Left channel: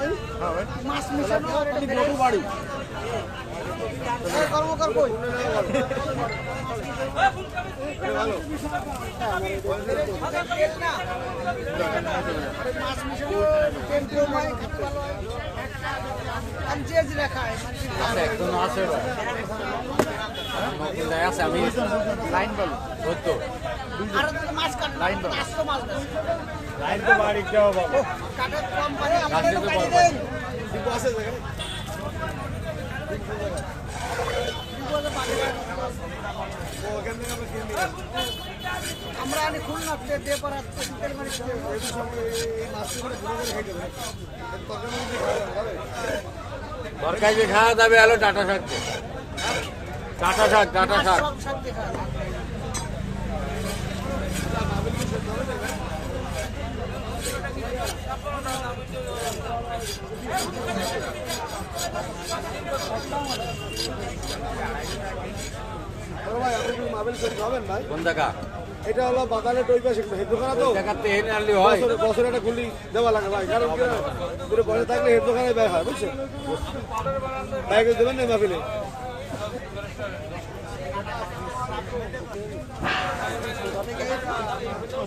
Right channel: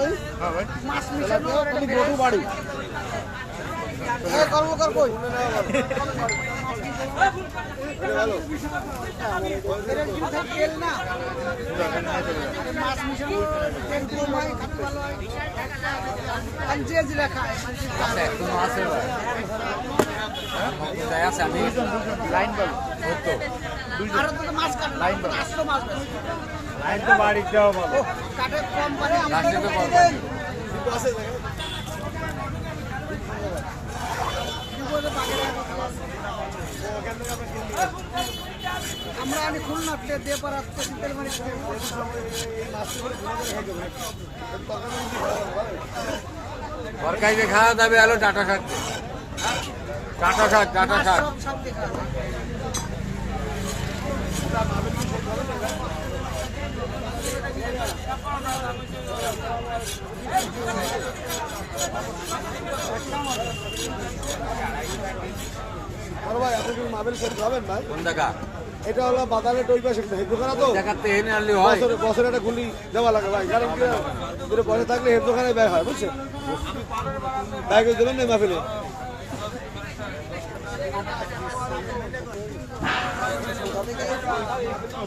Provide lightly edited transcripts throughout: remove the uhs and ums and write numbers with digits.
ভাই? হ্যাঁ ভাই মাছ মিশানো আর এটা গরু বাড়ি। এই করবো কর কই? এটা ভালো তেল না। মাছ মিশানো তেল কম হয়, খেতে ভালো হয়। আমি যে জিরা খাই, আছে এখনো আছে ভাই কোথায় আছে আমি লাইন ভালো হতো আর তো মাছ কাট লাইন ভালো আসতো মাছ লাইন তো বাড়ি দেওয়া ভালো কাটে কম পারে রাস্তা আমাদের তো কাটে বড়। দেন। কিন্তু আছে জায়গায় ওখান থেকে আমরা কিনে নিয়ে আসি আমরা আনি খুলনা দিয়ে পর আসতে তেল মারি এই সময় এই মাছটি করে ঘুরে করে খাইতে হবে নাকি এর তরকারি মানে কি খাওয়া যাবে তরকারি খাওয়া যাবে আলো ডাটা শাক ডাটা শাক ডাটা শাক সব সব দেখা বড় ভাই আপনি কি মাবেল সেট খাবেন ভাই কোন জায়গা এটা হলো বাজারে টই পাশে হেড দোকানে তো জায়গাতে এনে আনলে হয় বছরে একটা গুলি দেওয়া লাগে ভাই কারণ কি এটা বসে থাকলে হেড দোকানে ব্যয় হয় বুঝছেন ব্যাগে দিলেন না মাহফিলে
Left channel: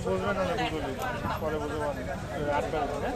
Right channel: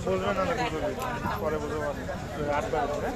বুঝবেন না বুঝলি পরে বুঝবো আটবার হ্যাঁ